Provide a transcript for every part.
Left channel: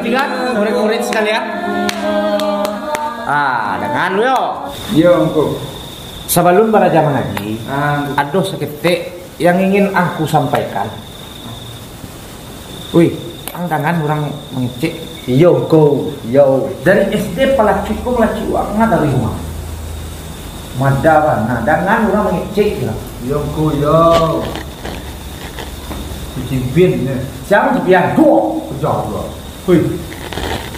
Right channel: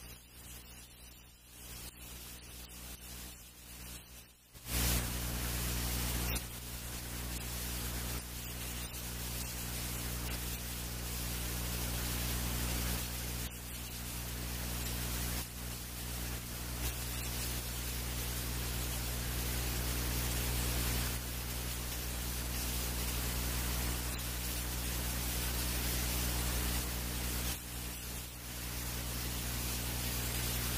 Ngerti kan? Murid-murid sekalian. Dengan lu yo. Yo engko. Sebelum belajar mengaji, ada seketik yang ingin aku sampaikan. Wih, dengan orang mengecek. Yo engko. Yo. Dari SD pelaciku melaci uangnya dari rumah. Madawan. Nah, dengan orang mengecek lah. Yo engko yo. Cimpin ya. Siapa cipian? Dua. Jawab. Wih.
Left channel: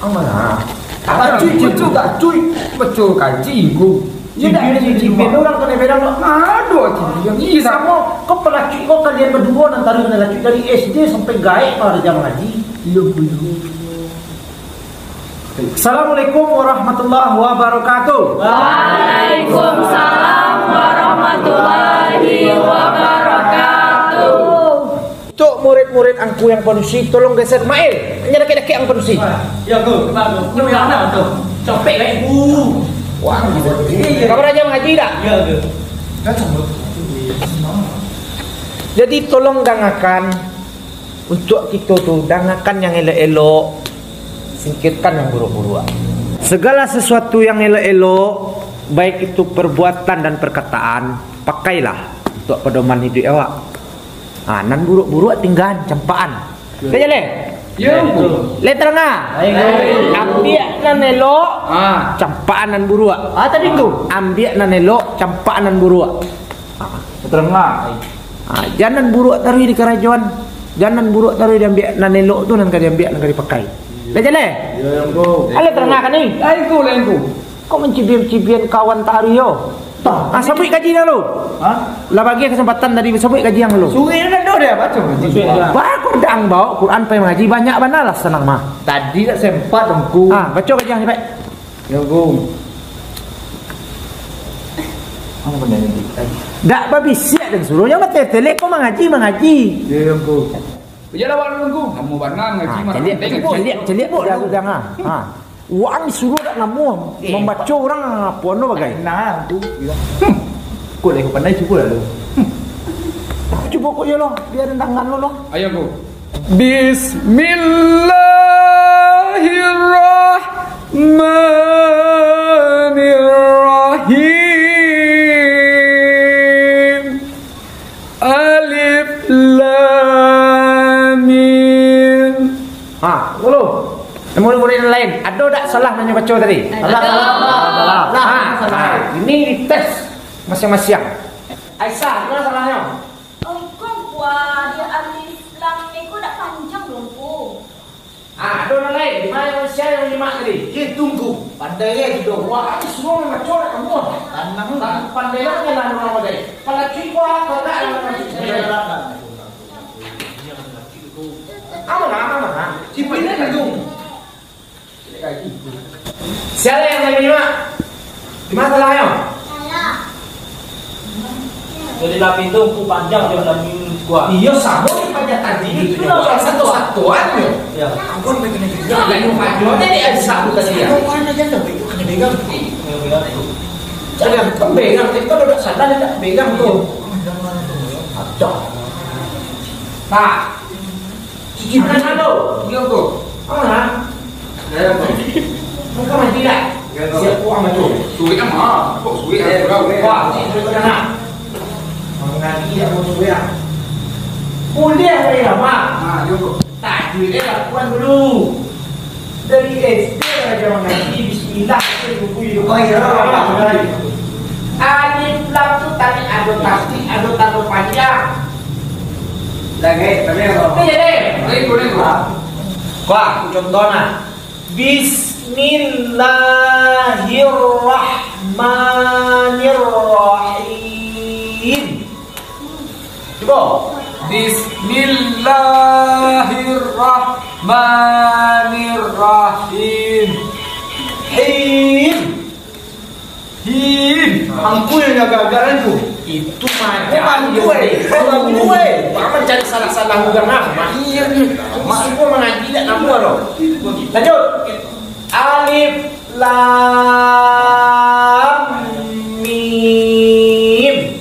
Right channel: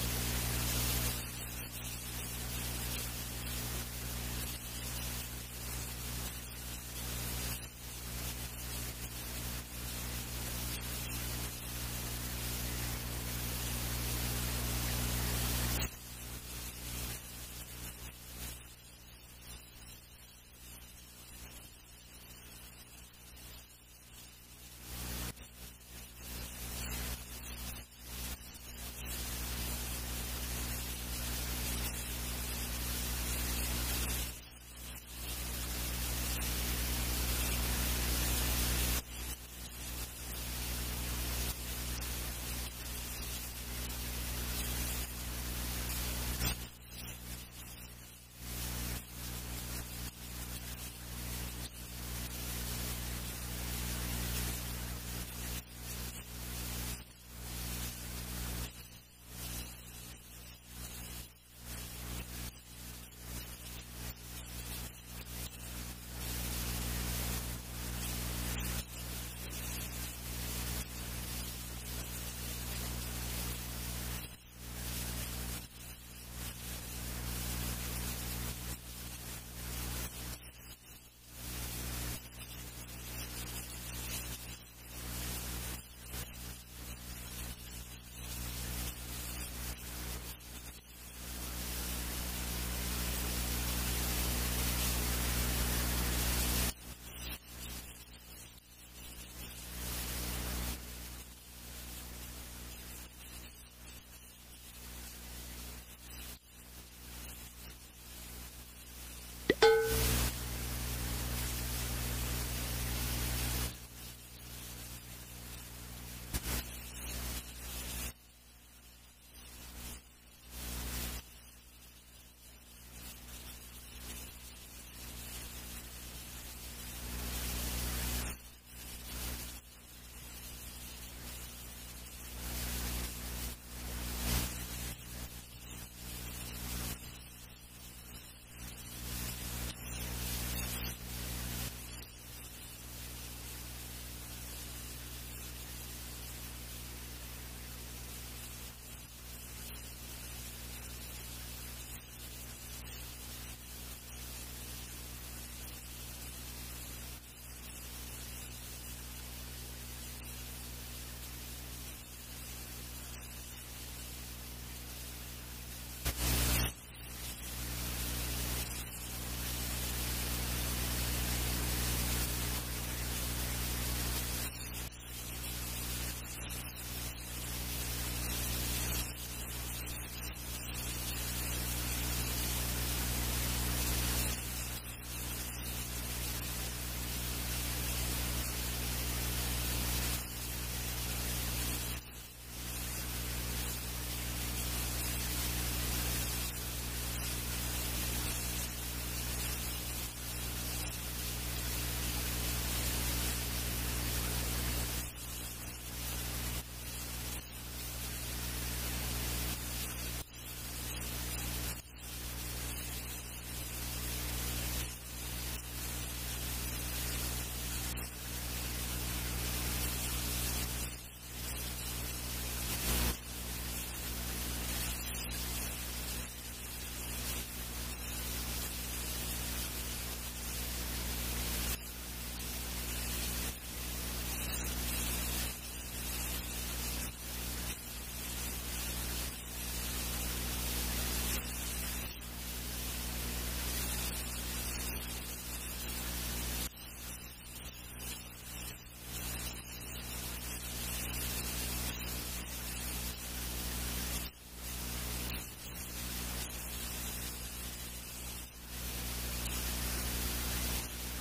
Ang mana? Apa cuy tak cuy. Betul kaji engko. Tidak ada cipian orang kena beda. Aduh, Iya sama. Kau pelaki kau kalian berdua antara laki dari SD sampai gaib pada jam ngaji. Yo. Assalamualaikum warahmatullahi wabarakatuh. Waalaikumsalam warahmatullahi wabarakatuh. Tuk murid-murid angku yang penusi, tolong geser Mail. Hanya daki-daki yang penusi. Ya go, bagus. Ini mana tu? Copek kan? Wah, kamu aja mengaji tak? Ya go. Jadi tolong dangakan untuk kita tuh dangakan yang elok-elok, singkirkan yang buruk-buruk. Segala sesuatu yang elok-elok, baik itu perbuatan dan perkataan, pakailah untuk pedoman hidup awak. Nan buruk-buruk tinggal campaan. Kaya le? Yo. Letra na. Ambil nan elok, campaan nan buruk. Tadi tu. Ambil nan elok, campaan nan buruk. Terengah. Jangan buruk taruh di kerajaan. Jangan buruk taruh diambil nan elok tu nan diambil nan dipakai. Dah jalan? Yo engko. Ale terangah kan ni? Engko. Kau mencibir-cibir kawan tario. Sabut gaji dah lu. Lah bagi kesempatan tadi sabut gaji yang lu. Suri nak dah dia baca. Bagus dang bawa Quran pe mengaji banyak banalah senang mah. Tadi tak sempat engko. Baca gaji yang sampai. Yo engko. Apa benda ni? Dak babi siap dan suruh yang mati telek kau mengaji. Yo engko. Berjalan awak engko. Kamu barang ngaji marah. Celik pun dah jangan. Wang suruh tak namu membaca orang apa no bagai. Nah, tu. Kau lagi pandai cuba lah lu. Cuba kau je lo, biar tangan lo lo. Ayo engko. Bismillahirrahmanirrahim. Alif lam mim. Dulu. Murid-murid yang lain, ada tak salah nanya baca tadi? Salah. Ini dites masing-masing. Aisyah, mana salahnya? Kau buat dia alif lam ni kau dah panjang belum kau? Ada orang lain, di mana manusia yang lima tadi? Dia tunggu. Pandai dia gitu. Wah, ini semua memang baca tak kamu. Tanam pandai lah kan orang pandai. Kalau cikgu apa tak ada. Mana? Cikgu ini tunggu. Siapa yang lagi lima? Di mana salahnya? Salah. Jadi lapis tu aku panjang dia lapis kuat. Iya sama ni pajak tadi. Itu lah satu-satuan tu. Ya. Ampun begini juga. Lagi maju ni ada satu kali ya. Mana dia tu? Kena pegang. Jangan pegang. Itu dah salah dia tak pegang tu. Acak. Tak. Cici mana tu? Dia tu. Mana? Ya, muka mati tak? Siap puang macam tu. Sulit mah. Kok sulit ah? Wah, sulit kan nak. Mengaji tak mau sulit ah. Kuliah saya mak. Yo engko. Tak duit dia lakukan dulu. Dari SD aja mengaji bismillah buku hidup. Alif lam tu tadi ada tasbih, ada tanda panjang. Lagi, tapi apa? Jadi, Boleh. wah, contohnya. Bismillahirrahmanirrahim. Coba. Bismillahirrahmanirrahim. Him. Angku yang jaga-jaga tu. Itu macam gue. Paman cari salah-salah juga nama. Iya ni. Masih pun mengaji tak nama lo. Lanjut. Alif lam mim.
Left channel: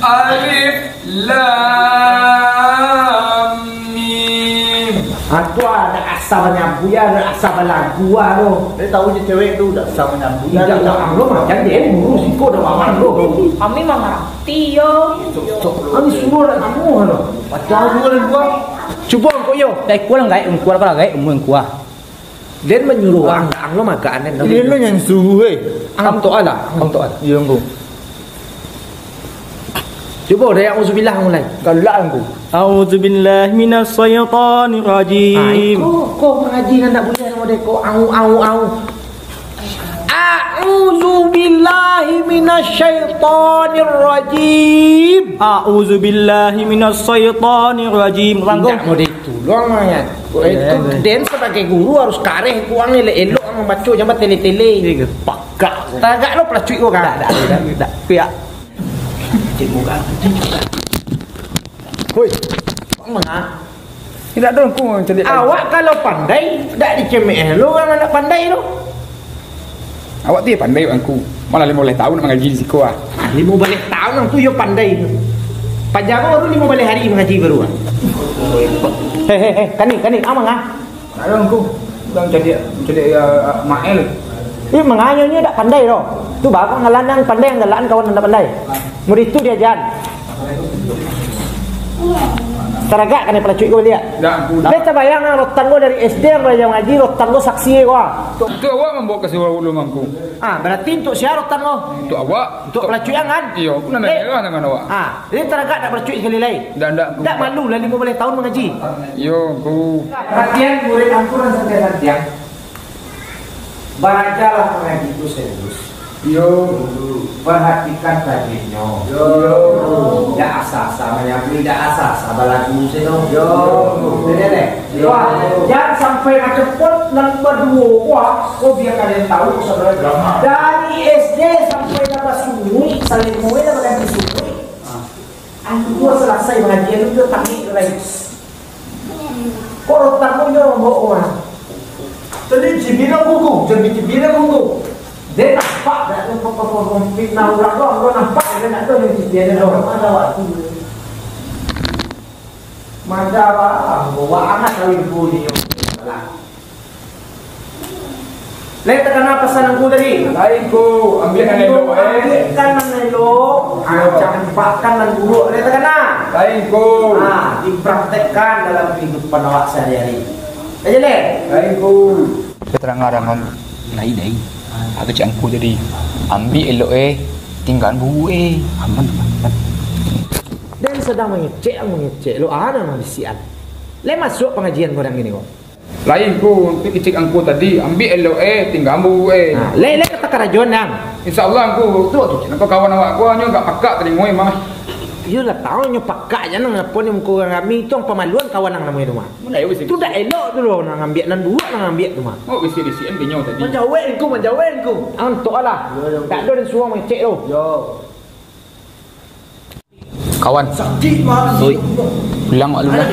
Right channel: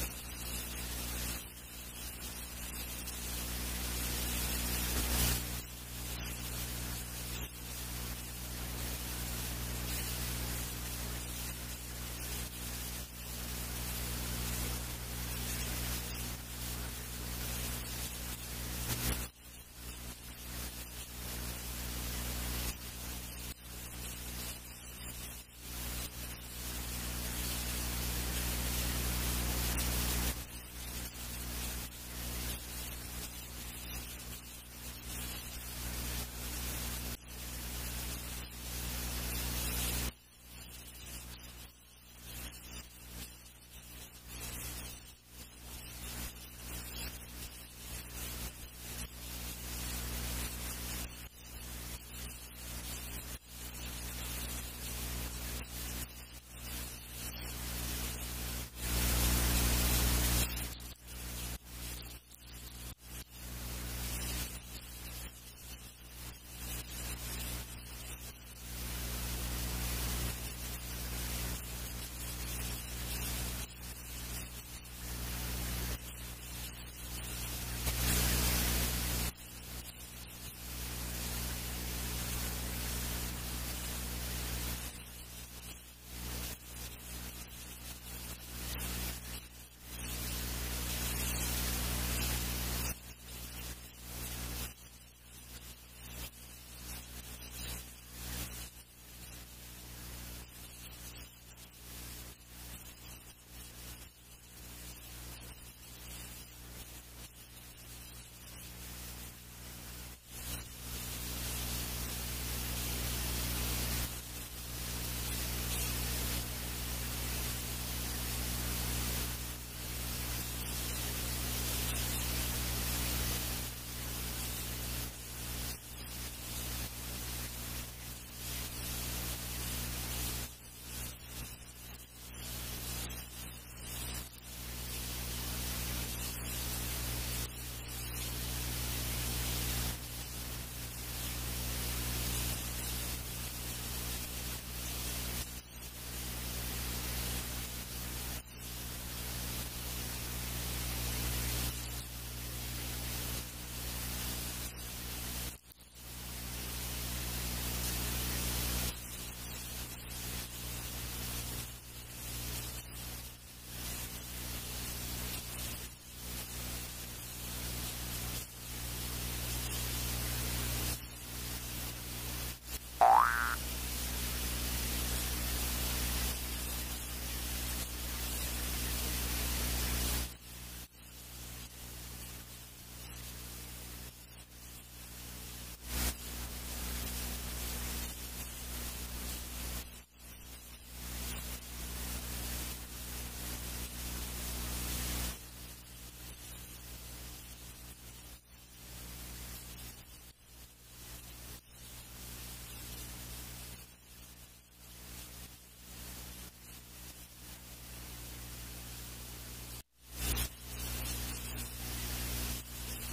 Alif lam mim. Tuan ada asal nyabu ya, ada asal lagu tu. Dia tahu je cewek tu dah sama nyabu. Tidak ada anglo macam dia burus ikut dah maman lo. Kami mengerti yo. Kami suruh nak kamu tu. Macam dua dan dua. Cuba kau yo. Dai kuah ngai, kuah apa ngai, kuah. Dia menyuruh anglo makan dan. Dia lo yang suruh Ang tu ala, ang tu ala. Ya engkau. Cuba dah yang uzubillah mulai. Galak engkau. A'udzubillahi minasyaitonir rajim. Kau mengaji kan tak boleh nama dia kau au. A'udzubillahi minasyaitonir rajim. A'udzubillahi minasyaitonir rajim. Rangkong. Tak mau ditolong ayat. Itu dan sebagai guru harus kareh kuang elok membaca jangan tele-tele. Pakak. Tagak lo pelacui kau kan. Tak. Piak. Cikgu kan. Hoi. Mengah. Tidak ada engkau yang celik. Awak kalau pandai tak dicemeh lo kan nak pandai lo. Awak tu pandai engkau. Malah 15 tahun nak mengaji di sekolah. 15 tahun tu yo pandai. Pajama baru 15 hari mengaji baru. Hei, kani, amang ah. Tak ada engkau. Dah jadi mael. Ini mengayunya tak pandai loh. Tu bakal ngalanang pandai yang galaan kawan anda pandai. Murid tu dia jalan. Teragak kan pelacui kau lihat. Dah engkau. Dia terbayang rotan gua dari SD belajar ngaji, rotan gua saksi gua. Tu awak membawa ke sekolah ulum engkau. Berarti untuk siapa rotan gua? Tu awak. Untuk pelacui kan? Iya, aku nak merah dengan awak. Jadi teragak tak pelacui sekali lain. Tak malu lah 15 tahun mengaji. Yo, engkau. Perhatian murid ampunan sampai perhatian. Belajarlah mengaji itu serius. Yo, perhatikan tajwidnya. Yo. Tidak asal-asal menyampaikan, tidak asal-asal lagu seno. Yo. Jangan sampai macam pot dan berdua. Wah, kau biar kalian tahu saudara. Dari SD sampai dapat sunyi, saling mulai dapat yang sunyi. Aku dua selesai mengaji itu taknik lagi. Kau rotan pun jangan bawa orang. Jadi cibina buku, dia nampak tak fitnah orang tu, nampak dia nak tahu dia ada orang ada waktu. Macam apa? Bawa anak kawin bunyi. Lain terkena pesan aku tadi. Lain ko, ambil kan elok Kan elok. Jangan pakkan dan buruk. Lain terkena. Lain ko. Dipraktekkan dalam kehidupan awak sehari-hari. Aja deh. Lain ko. Keterangan orang lain. Aku cakap aku jadi ambil elok tinggal buru aman. Dan sedang mengecek lo ada manusia. Le masuk pengajian orang gini kok. Lain ko, cek angku tadi ambil elok tinggal buru Le kata kerajuan yang. Insyaallah angku tu nak kawan awak aku hanya enggak pakak tadi moi mah. Dia lah tahu nyo pakak jangan ngapun yang muka kami itu pemaluan kawan nang namanya rumah. Mana wis Tu dah elok tu lo nang ambil nan dua nang ambil tu mah. oh wis disian binyo tadi. Menjawab ku. Antuk lah. Tak ada suruh mengecek tu. Yo. Kawan. Sakit mah. Oi. Bilang mak lu lah.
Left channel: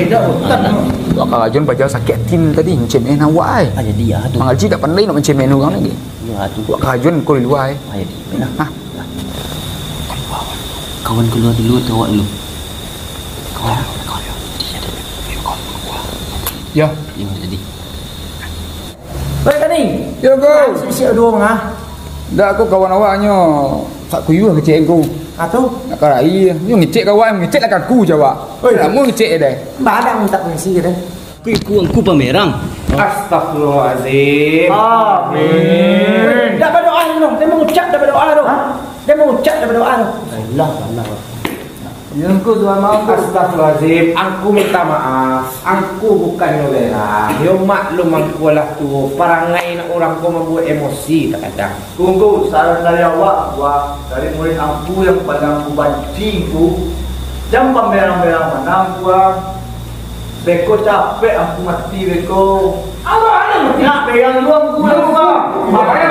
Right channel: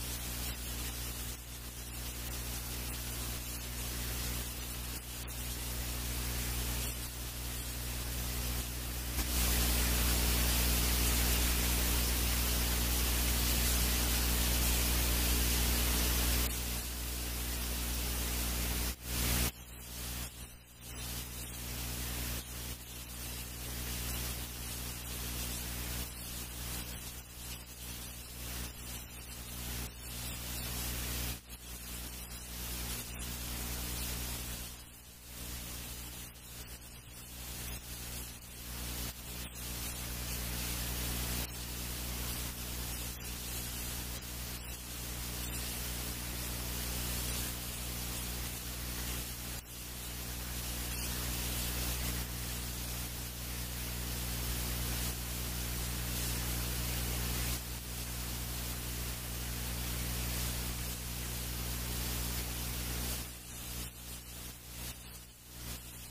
Tu akak rajun baca sakit tin tadi mencemen awak ai. Jadi ya tu. Mengaji tak pandai nak mencemen orang lagi. Ya tu. Tu akak rajun kau di luar ai. Jadi. Ha. Kawan keluar dulu atau awak dulu? Kawan. Ya. Ya jadi. Baik tadi. Ya kau. Siap dua mah. Dak aku kawan awaknya tak kuyu kecek aku. Atau Nak karai. Yo ngecek kawan ngecek lah aku jawab. Oi, kamu ngecek dah. badang minta pengisi ke dah. Ku pamerang. Astagfirullahalazim. Amin. Dah berdoa dulu. Dia mengucap dah berdoa tu. Dia mengucap dah berdoa tu. Allah. Yang ku dua mau astagfirullahalazim. Aku minta maaf. Aku bukan nolera. Yo maklum aku lah tu. Perangai nak orang kau membuat emosi kadang. Tunggu saran dari awak, dari murid aku yang pada aku banci itu, jam pamerang-merang mana aku beko capek aku mati beko. Apa ada? Nak pegang dulu aku Makanya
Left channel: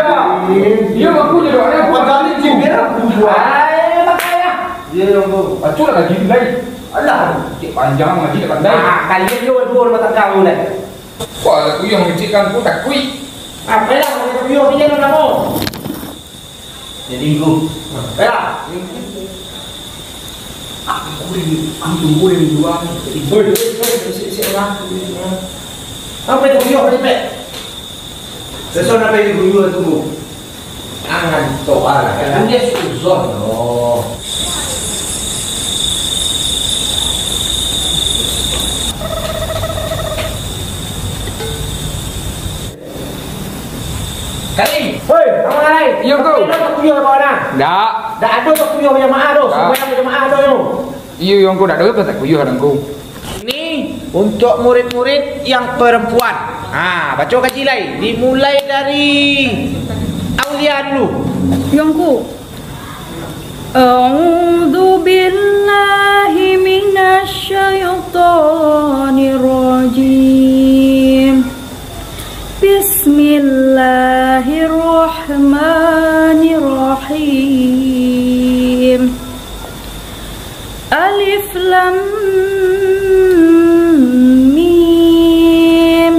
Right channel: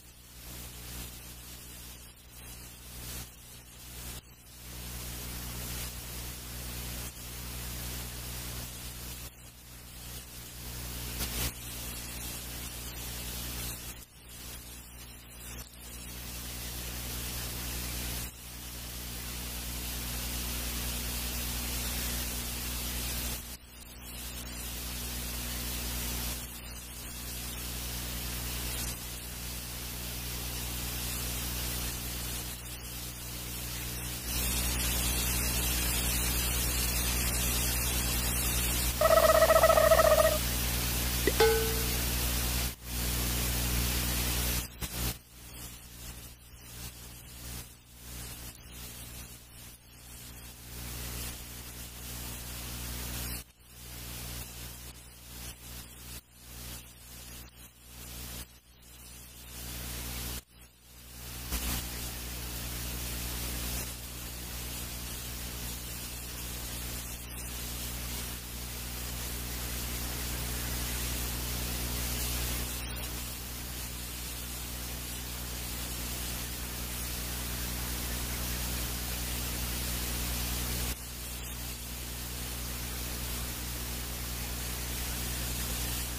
iya aku jadi orang yang kali cibir aku buat. Makanya. Dia yang tu. Acu lah gaji lain. Alah, Cik panjang ngaji tak pandai. Kalian juga dua rumah tangga boleh. Wah, aku yang ngecekkan aku tak kui. Apa lah kita video dia nak mau. jadi aku. Ya. Aku boleh jual. Siapa? Apa itu kuyuh ni pek? Sesuatu apa yang kuyuh tunggu. Angan toa lah. Kan dia suzon. Oh. Karim. Hoi, apa lain? Iya, kau. Tak kuyuh apa dah? Dak. Tak ada tak kuyuh jemaah tu. Semua jemaah tu yo. Iyo yang kau dak ada tak kuyuh orang kau. Ini untuk murid-murid yang perempuan. Baca kaji lain. Dimulai dari Aulia dulu. Yongku. A'udzu billahi minasyaitonir rajim. Bismillahirrahmanirrahim. Alif lam mim.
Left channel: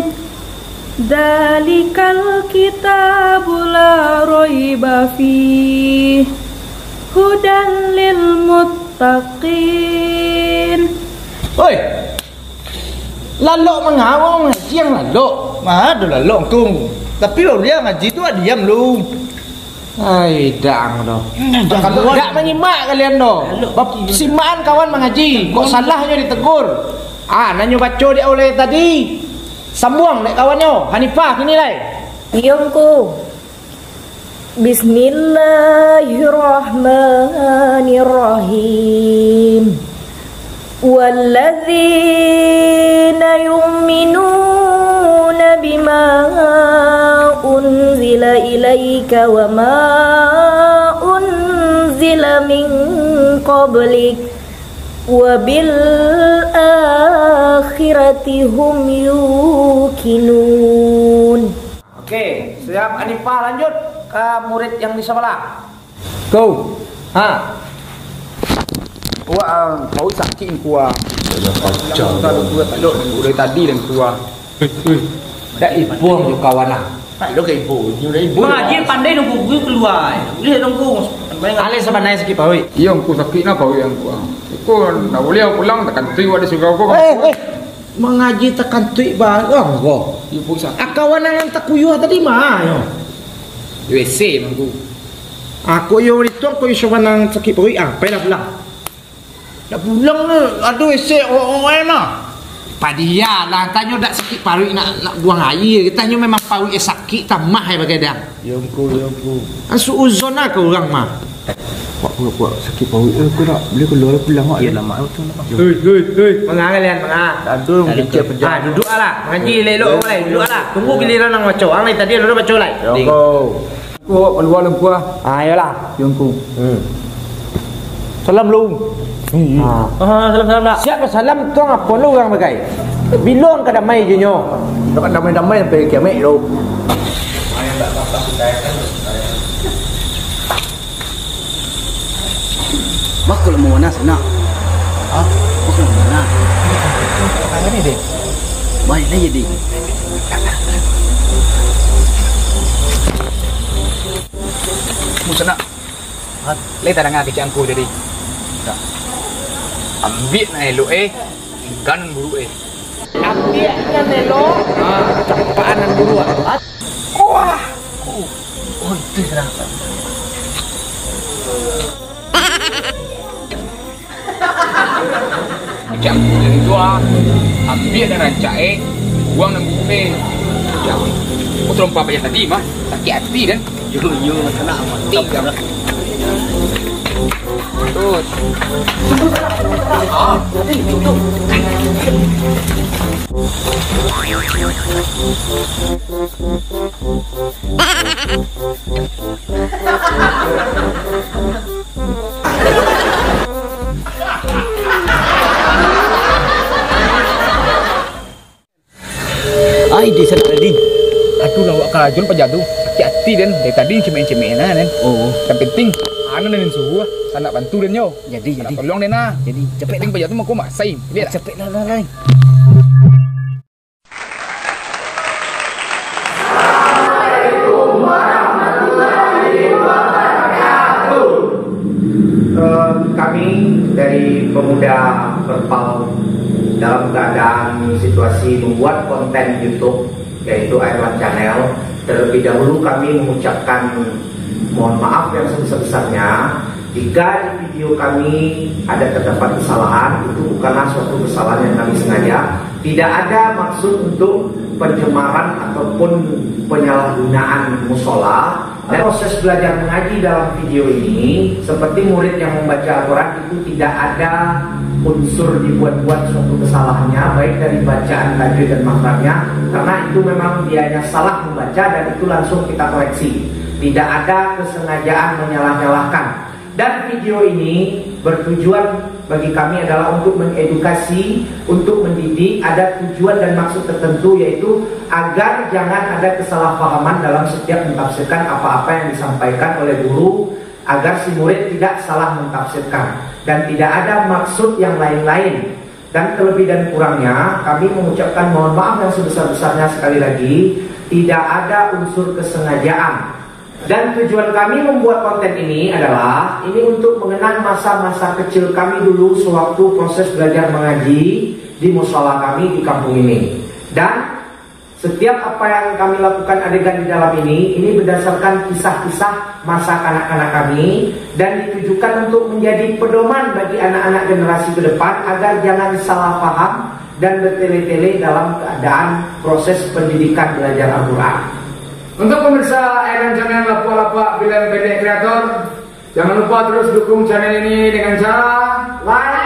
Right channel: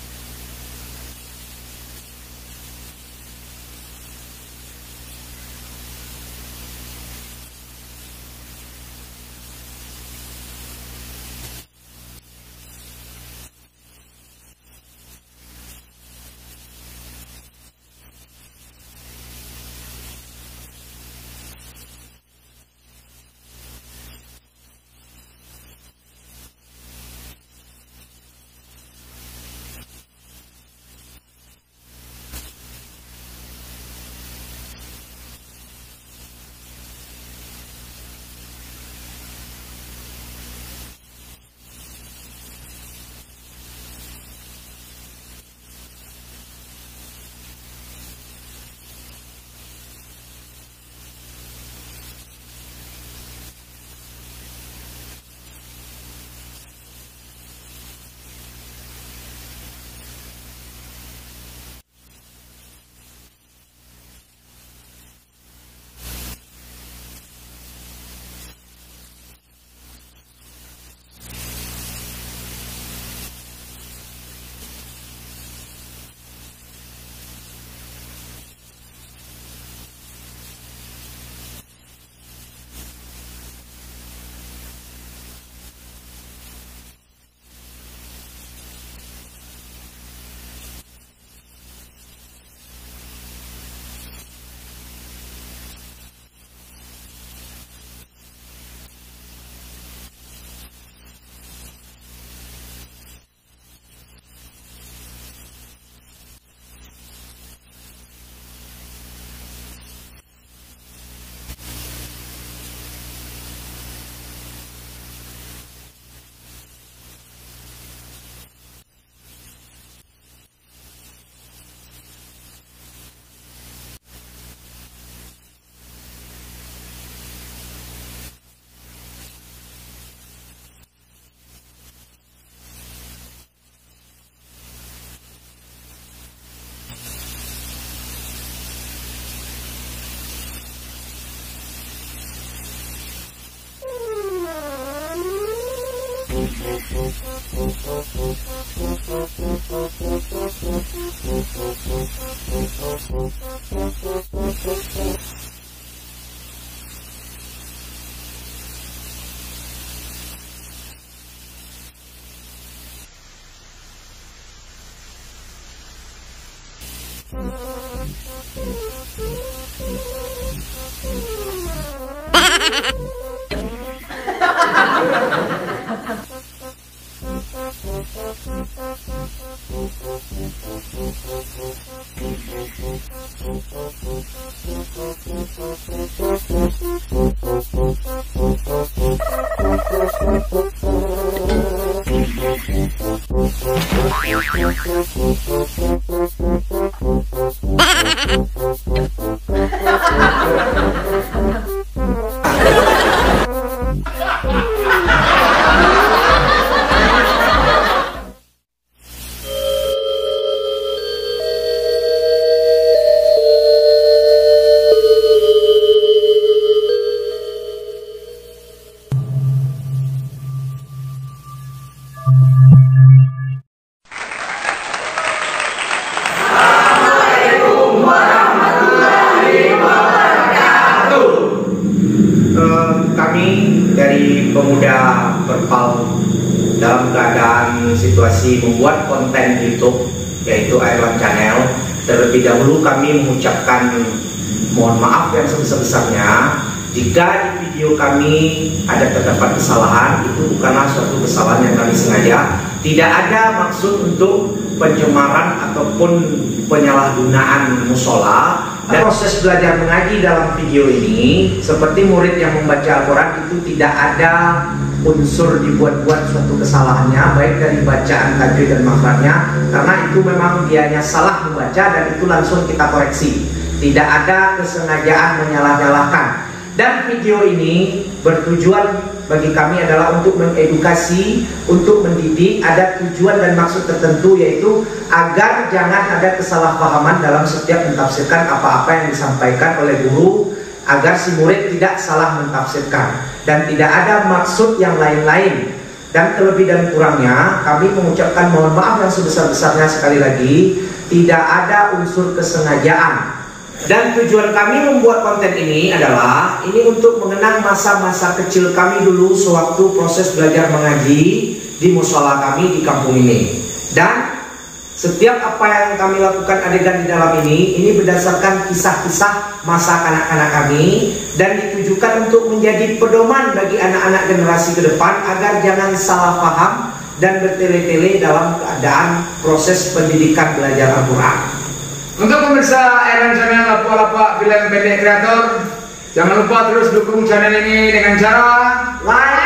Dalikal kitabu la raiba fihi. Hudan lil muttaqin. Oi. Lalok mengawang ngaji yang lalok. Ada lalok kung. Tapi lo dia ngaji tu diam lu. Ai dang doh. Kalau tak menyimak kalian doh. Simaan kawan mengaji. Kok salahnya ditegur. Nanyo baca dia oleh tadi. Sambung dek kawannya. Hanifah kini lai. Yongku. Bismillahirrahmanirrahim. Walladzina yu'minuna bima unzila ilaika wa ma unzila min qablik wa bil akhirati hum yuqinun. Okey, siap Hanifah lanjut ke murid yang di sebelah. Go. Kau sakit kuah. Kau tak dari tadi dan kuah. Dak ibuang jo kawan lah. Tak ada ke ibu. Mengaji pandai nunggu gue keluar. Dia nunggu. Ale sebenarnya sikit pawi. Iya, aku sakit nak kau yang kuah. Kau nak boleh pulang tekan tu ada suka kau. Mengaji tekan tuik barang kau. Ibu sakit. Kawan yang tak kuyuh tadi mah yo. WC nunggu. Aku yo itu aku iso manang sakit pawi dah pulang. Dah pulang ni, aduh esek orang lah. Padia lah, tanya dak sakit paru nak buang air. Tanya memang paru sakit tamah hai bagai dah. Yongku. Asu uzon lah ke orang mah. Buat sakit paru aku nak boleh keluar pulang mak. Yalah mak tu. Hei. Mengah kalian, mengah. Tak ada orang kecil penjara. Duduk lah. Mengaji lelok orang lain. Duduk lah. Tunggu giliran orang baca. Orang lain tadi ada baca lain. Yongku. Kau keluar kuah. Ayolah. Yongku. Salam lu. Salam dah. Siapa salam tuang apa lu orang bagai? Bilong ke damai je nyo. Kan damai-damai sampai kiamat tu. Mak kalau mau mana sana? Mak kalau mana? Apa ni dek? Baik dah jadi. Musa nak. Lei tak dengar kecik angku jadi. Ambil na elok kan buru Ambilnya nelo. Capaanan buru. Wah. Itu serang. macam jadi tua. Ambil dan rancak buang dan buru Yang aku terompak macam tadi mah sakit hati kan. Yo masalah mati kan. Ai di sana tadi. Aduh lawak kajun pajadu. Hati dan dari tadi cemen-cemenan kan. Oh, yang penting anak dan suhu tak nak bantu dan yo. Jadi. Tolong dan nah. Jadi Cepet ting pajadu mau mak sai. Lihat cepet lah. Kami dari pemuda Perpal dalam keadaan situasi membuat konten YouTube yaitu Airland Channel, terlebih dahulu kami mengucapkan mohon maaf yang sebesar-besarnya jika di video kami ada terdapat kesalahan. Itu bukanlah suatu kesalahan yang kami sengaja. Tidak ada maksud untuk pencemaran ataupun penyalahgunaan musola. Dan proses belajar mengaji dalam video ini seperti murid yang membaca Al-Quran itu tidak ada unsur dibuat-buat suatu kesalahannya, baik dari bacaan, tajwid dan makhrajnya, karena itu memang dianya salah membaca dan itu langsung kita koreksi. Tidak ada kesengajaan menyalah-nyalahkan. Dan video ini bertujuan bagi kami adalah untuk mengedukasi, untuk mendidik, ada tujuan dan maksud tertentu, yaitu agar jangan ada kesalahpahaman dalam setiap mentafsirkan apa-apa yang disampaikan oleh guru, agar si murid tidak salah mentafsirkan dan tidak ada maksud yang lain-lain. Dan terlebih dan kurangnya kami mengucapkan mohon maaf yang sebesar-besarnya sekali lagi, tidak ada unsur kesengajaan. Dan tujuan kami membuat konten ini adalah untuk mengenang masa-masa kecil kami dulu sewaktu proses belajar mengaji di musola kami di kampung ini. Dan setiap apa yang kami lakukan adegan di dalam ini berdasarkan kisah-kisah masa kanak-kanak kami dan ditujukan untuk menjadi pedoman bagi anak-anak generasi ke depan agar jangan salah paham dan bertele-tele dalam keadaan proses pendidikan belajar Al-Quran. Untuk pemirsa Airland Channel Lapua-Lapua Film Pendek Kreator, jangan lupa terus dukung channel ini dengan cara like,